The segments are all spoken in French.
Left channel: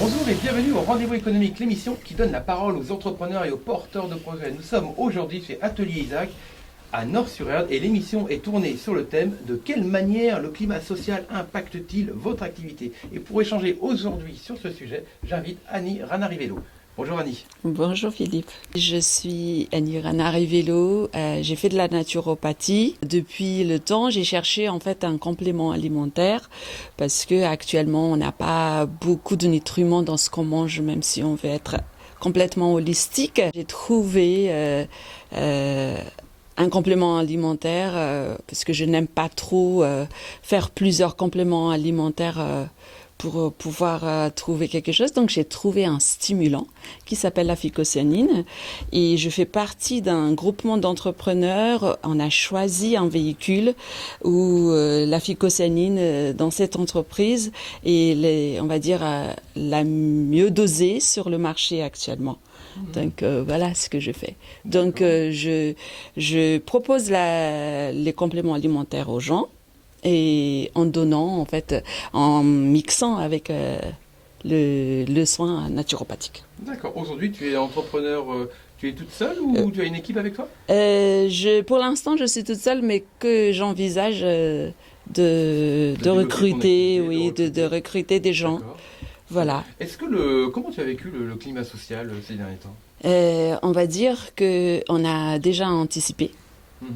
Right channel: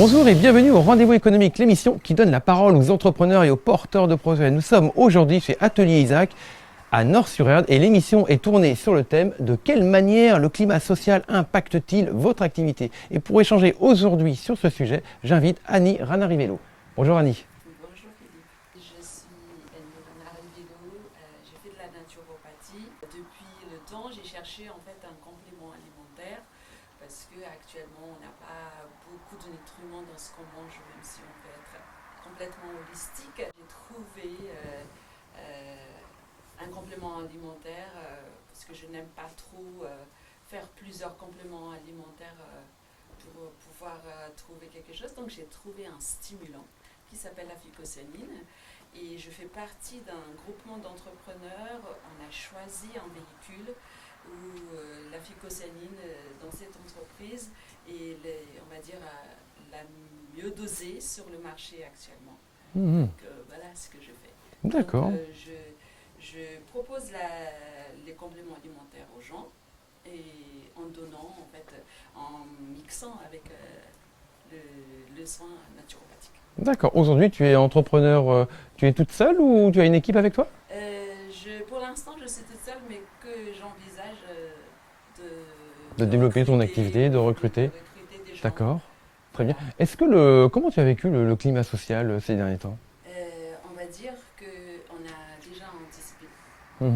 Bonjour et bienvenue au Rendez-vous économique, l'émission qui donne la parole aux entrepreneurs et aux porteurs de projets. Nous sommes aujourd'hui chez Atelier Isaac à Nord-sur-Erdre et l'émission est tournée sur le thème de quelle manière le climat social impacte-t-il votre activité. Et pour échanger aujourd'hui sur ce sujet, j'invite Annie Ranarivello. Bonjour Annie. Bonjour Philippe, je suis Annie Ranarivello, j'ai fait de la naturopathie. Depuis le temps, j'ai cherché en fait un complément alimentaire parce que actuellement on n'a pas beaucoup de nutriments dans ce qu'on mange, même si on veut être complètement holistique. J'ai trouvé un complément alimentaire parce que je n'aime pas trop faire plusieurs compléments alimentaires pour pouvoir trouver quelque chose. Donc j'ai trouvé un stimulant qui s'appelle la phycocyanine et je fais partie d'un groupement d'entrepreneurs. On a choisi un véhicule où la phycocyanine dans cette entreprise est, on va dire, la mieux dosée sur le marché actuellement. Donc voilà ce que je fais. Donc je propose les compléments alimentaires aux gens et en donnant, en fait, en mixant avec le soin naturopathique. D'accord. Aujourd'hui, tu es entrepreneur, tu es toute seule ou tu as une équipe avec toi? Pour l'instant, je suis toute seule, mais que j'envisage de recruter, de recruter des gens. D'accord. Voilà. Est-ce que comment tu as vécu le climat social ces derniers temps? On va dire qu'on a déjà anticipé.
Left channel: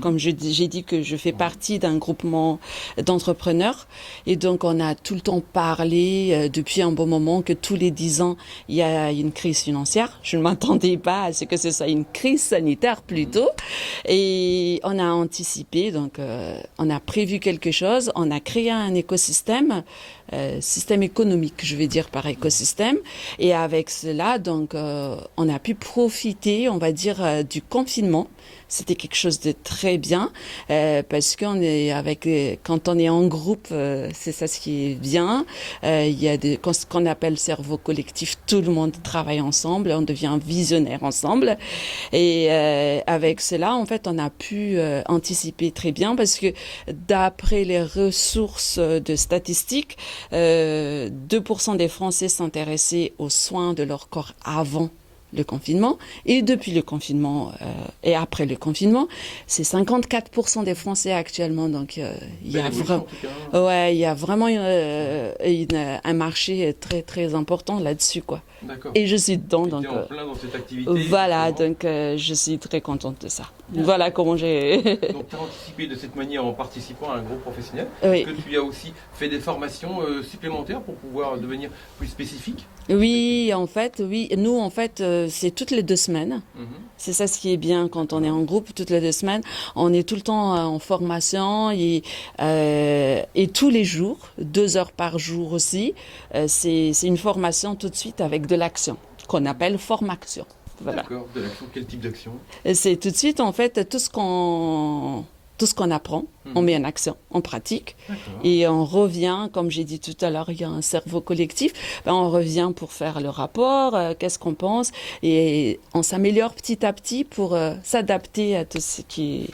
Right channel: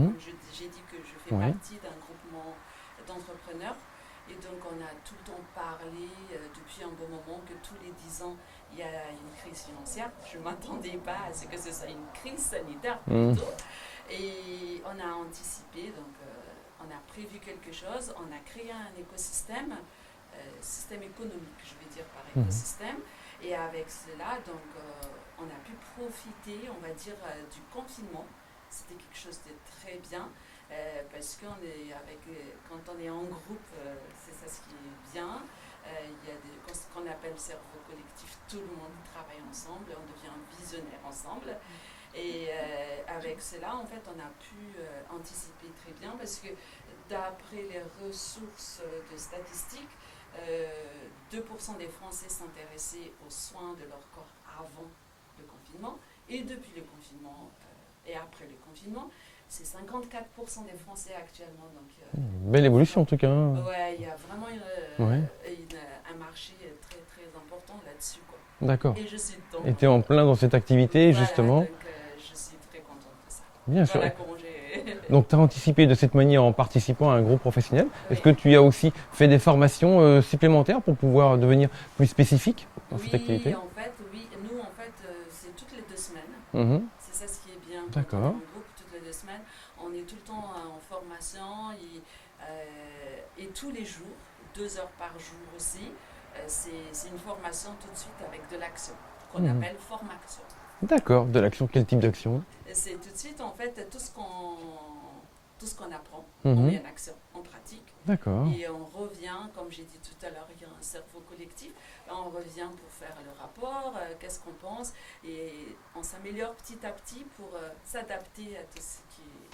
Comme j'ai dit que je fais partie d'un groupement d'entrepreneurs et donc on a tout le temps parlé depuis un bon moment que tous les 10 ans il y a une crise financière. Je ne m'attendais pas à ce que ce soit une crise sanitaire plutôt et on a anticipé, donc on a prévu quelque chose, on a créé un écosystème. Système économique, je vais dire par écosystème. Et avec cela, donc, on a pu profiter, on va dire, du confinement. C'était quelque chose de très bien parce qu'on est quand on est en groupe, c'est ça ce qui est bien. Il y a ce qu'on appelle cerveau collectif. Tout le monde travaille ensemble, on devient visionnaire ensemble. Et avec cela, en fait, on a pu anticiper très bien parce que d'après les ressources de statistiques, 2% des Français s'intéressaient aux soins de leur corps avant le confinement et depuis le confinement et après le confinement, c'est 54% des Français actuellement. Donc, belle évolution en tout cas. Ouais, il y a vraiment un marché très très important là-dessus, quoi. D'accord. Et je suis dedans. Tu es en plein dans cette activité. Voilà, justement. donc je suis très contente de ça. Bien voilà sûr. comment j'ai. Donc tu as anticipé de cette manière en participant à un groupe professionnel. Oui. Est-ce que tu as aussi fait des formations supplémentaires pour pouvoir devenir plus spécifique? Oui, en fait, oui. Nous, en fait, c'est toutes les 2 semaines. C'est ça ce qui est bien quand on est en groupe, toutes les 2 semaines. On est tout le temps en formation et tous les jours, 2 heures par jour aussi. C'est une formation tout de suite avec de l'action qu'on appelle formaction. Voilà. D'accord, de l'action, quel type d'action? C'est tout de suite, en fait, tout ce qu'on apprend, on met en action, on pratique. Et on revient, comme j'ai dit tout à l'heure, il y a un cerveau collectif. On revient pour faire le rapport, qu'est-ce qu'on pense. Et on s'améliore petit à petit pour s'adapter à tout ce qui est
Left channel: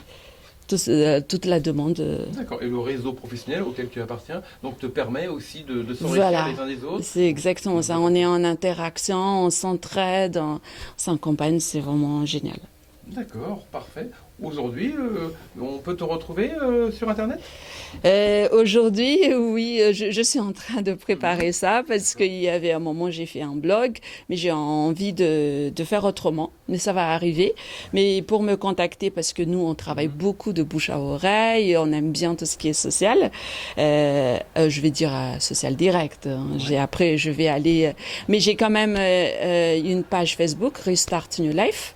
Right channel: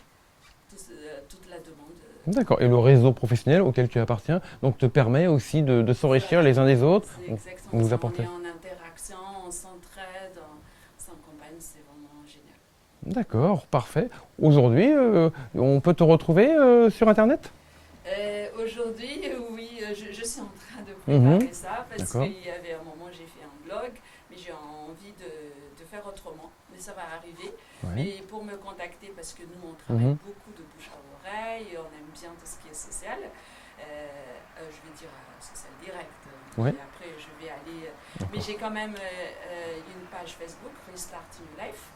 toute la demande. D'accord. Et le réseau professionnel auquel tu appartiens donc te permet aussi de s'enrichir les uns des autres. C'est exactement ça. On est en interaction, on s'entraide, on s'accompagne. C'est vraiment génial. D'accord, parfait. Aujourd'hui, on peut te retrouver sur Internet? Aujourd'hui, oui, je suis en train de préparer ça parce qu'il y avait un moment, j'ai fait un blog, mais j'ai envie de faire autrement, mais ça va arriver. Mais pour me contacter, parce que nous, on travaille beaucoup de bouche à oreille, on aime bien tout ce qui est social, je vais dire social direct. Après, je vais aller... Mais j'ai quand même une page Facebook, Restart New Life.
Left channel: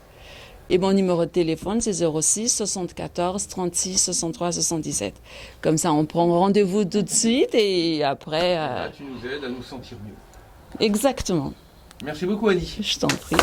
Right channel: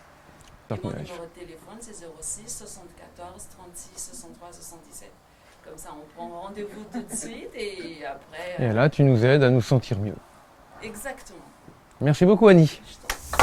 Et mon numéro de téléphone, c'est 06 74 36 63 77. Comme ça, on prend rendez-vous tout de suite et après... Et là, tu nous aides à nous sentir mieux. Exactement. Merci beaucoup, Annie. Je t'en prie.